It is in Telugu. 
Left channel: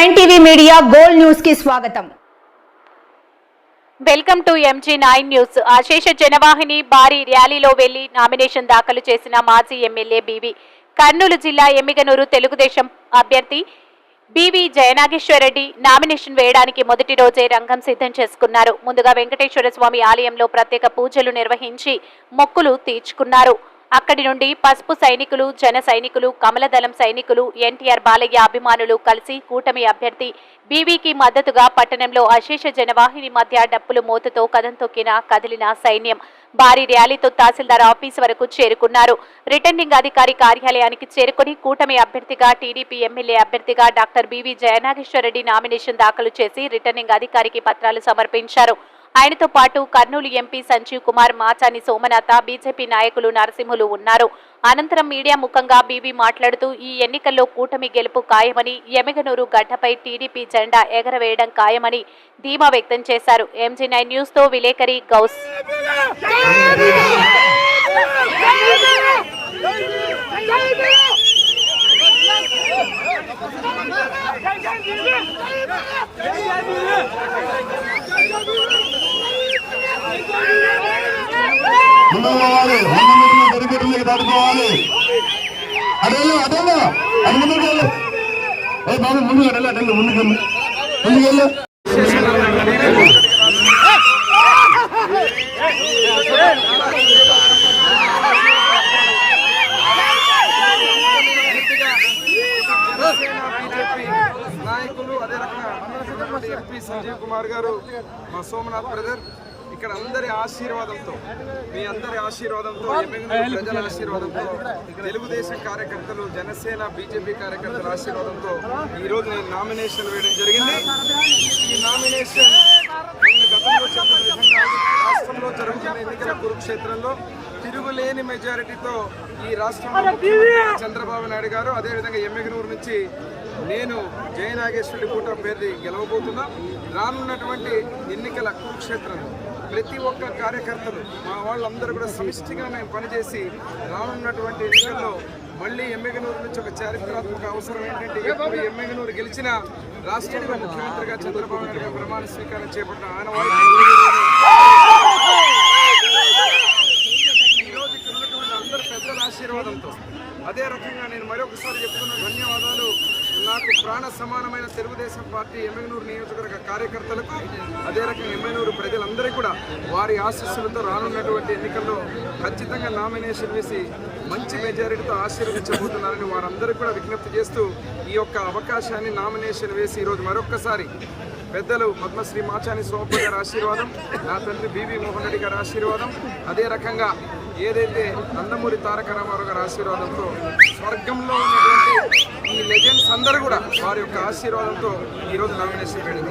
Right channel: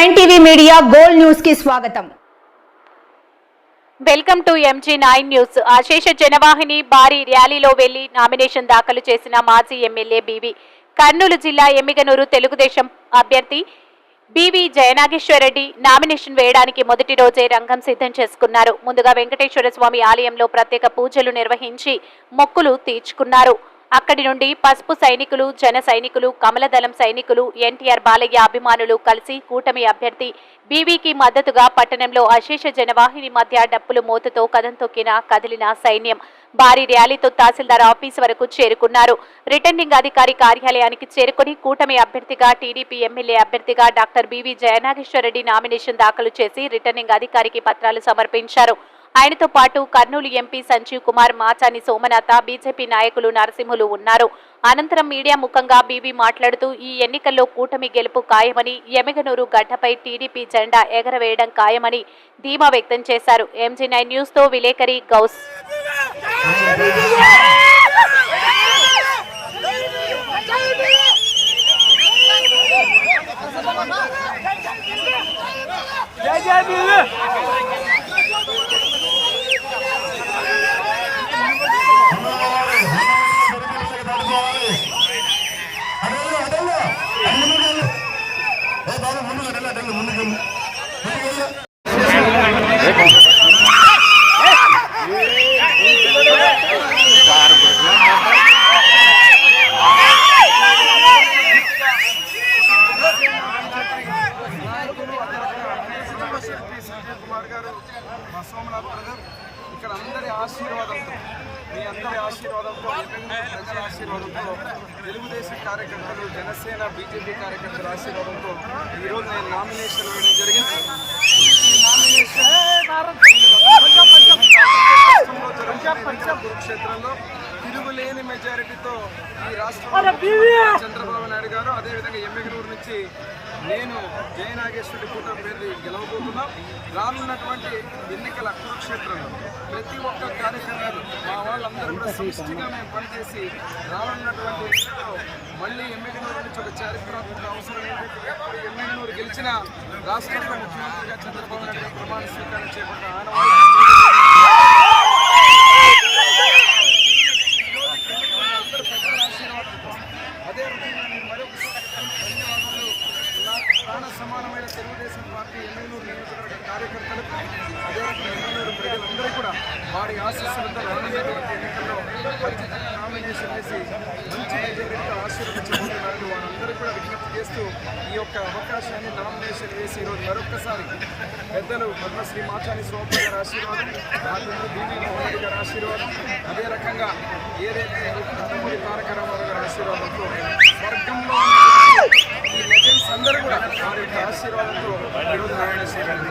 బీవీ మీడియా గోల్డ్ న్యూస్కి స్వాగతం. Welcome to MG nine news. అశేష జనవాహిని భారీ ర్యాలీలో వెళ్ళి నామినేషన్ దాఖలు చేసిన మాజీ ఎమ్మెల్యే బీవీ. కర్నూలు జిల్లా ఎమ్మిగనూరు తెలుగుదేశం అభ్యర్థి బీవీ జయనాగేశ్వరరెడ్డి నామినేషన్ వేయడానికి మొదటి రోజే రంగం సిద్ధం చేసుకున్నారు. ముందుగా వెంకటేశ్వర స్వామి ఆలయంలో ప్రత్యేక పూజలు నిర్వహించి మొక్కులు తీర్చుకున్నారు. అక్కడి నుండి పసుపు సైనికులు జన సైనికులు కమలదళం సైనికులు ఎన్టీఆర్ బాలయ్య అభిమానులు కలిసి కూటమి అభ్యర్థి బీవీకి మద్దతుగా పట్టణంలో అశేష జనవాహిని మధ్య డప్పులు మోతతో కదం తొక్కిన కదిలిన సైన్యం భారీ ర్యాలీతో తహసీల్దార్ ఆఫీస్ వరకు చేరుకున్నారు. రిటర్నింగ్ అధికారి కార్యాలయానికి చేరుకుని కూటమి అభ్యర్థిగా టీడీపీ ఎమ్మెల్యే అభ్యర్థిగా డాక్టర్ బీవీ జయనాగేశ్వరరెడ్డి నామినేషన్ దాఖలు చేసి రిటర్నింగ్ అధికారికి పత్రాలు సమర్పించారు. ఆయనతో పాటు కర్నూలు ఎంపీ సంజీవ్ కుమార్ మాచాని సోమనాథ బీజేపీ నాయకులు నరసింహులు ఉన్నారు. అనంతరం మీడియా ముఖంగా బీవీ మాట్లాడుతూ ఈ ఎన్నికల్లో కూటమి గెలుపు ఖాయమని ఎమగనూరు గడ్డపై టీడీపీ జెండా ఎగరవేయడం ఖాయమని ధీమా వ్యక్తం చేశారు. ఎంజీ నైన్ న్యూస్తో విలేకరి గౌస్. ముందు ముందుకు ముందుకెళ్ళు. ముందుకెళ్ళు. నాయకులు అదే రకంగా ఎంపీ సంజీవ్ కుమార్ గారు మా సోమనాథ్ బ్రదర్ ఇక్కడ అందరి ఆశీర్వాదంతో మీ అందరి ఆశీర్వాదంతో ఎమ్మెల్యే ప్రజల ఆశీర్వాదంతో తెలుగుదేశం కార్యకర్తలు జనసేన బీజేపీ కార్యకర్తల ఆశీర్వాదంతో ఈరోజు నేను నామినేషన్ వేయడం జరిగింది. ఈ నామినేషన్ రాష్ట్రంలో జరుగుతున్న ఎన్నికల కురుక్షేత్రంలో తిరుగులేని మెజారిటీతో ఈ రాష్ట్రంలో ముఖ్యమంత్రి చంద్రబాబు నాయుడు గారు అదేవిధంగా ఎమ్మెగనూరు నుంచి నేను జయనాగేశ్వరి కూట పేరు గెలవబోతున్నా. రానున్నటువంటి ఎన్నికల కురుక్షేత్రంలో ప్రతి ఒక్క కార్యకర్తలు మా వాళ్ళందరూ కూడా సమిష్టిగా మేము పనిచేసి రానున్నటువంటి ఎన్నికల్లో మళ్ళీ ఎమ్మెగనూరు నుంచి ఒక చారిత్రాత్మక అవసరం ఏంటంటే ఎప్పుడు ఎమ్మెగనూరు గెలిచిన రాష్ట్రంలో ముఖ్యమంత్రిగా చంద్రబాబు నాయుడు గారు ప్రమాణ స్వీకారం చేపట్టిన ఆయన ఈరోజు ఇక్కడ ఉన్నటువంటి అందరు పెద్దల ఆశీర్వాదంతో అదే రకంగా నేను మరొకసారి చెప్తున్న ధన్యవాదాలు. నాకు ప్రాణ సమానమైన తెలుగుదేశం పార్టీ ఎమ్మెనూరు నియోజకవర్గ కార్యకర్తలకు అదే రకంగా ఎమ్మెనూరు ప్రజలందరూ కూడా వారి ఆశీస్సులతో రానున్నటువంటి ఎన్నికల్లో ఖచ్చితంగా నామినేషన్ వేసి మంచి మెజారిటీతో ఆశీర్వదించబోతున్నారని వారందరూ కూడా విజ్ఞప్తి చేస్తూ ఈ యొక్క అవకాశాన్ని నామినేషన్ వేసి ఈరోజు మరొక్కసారి పెద్దలు పద్మశ్రీ మాచాని సోమప్ప గారి ఆశీర్వాదం నా తండ్రి బీవీ మోహన్ రెడ్డి గారి ఆశీర్వాదం అదే రకంగా ఏదైతే నందమూరి తారక రామారావు గారి ఆశీర్వాదంతో స్వర్గంలో ఉన్నటువంటి ఈ లెజెండ్స్ అందరూ కూడా వారి యొక్క ఆశీర్వాదంతో ఈరోజు నామినేషన్ వేయడం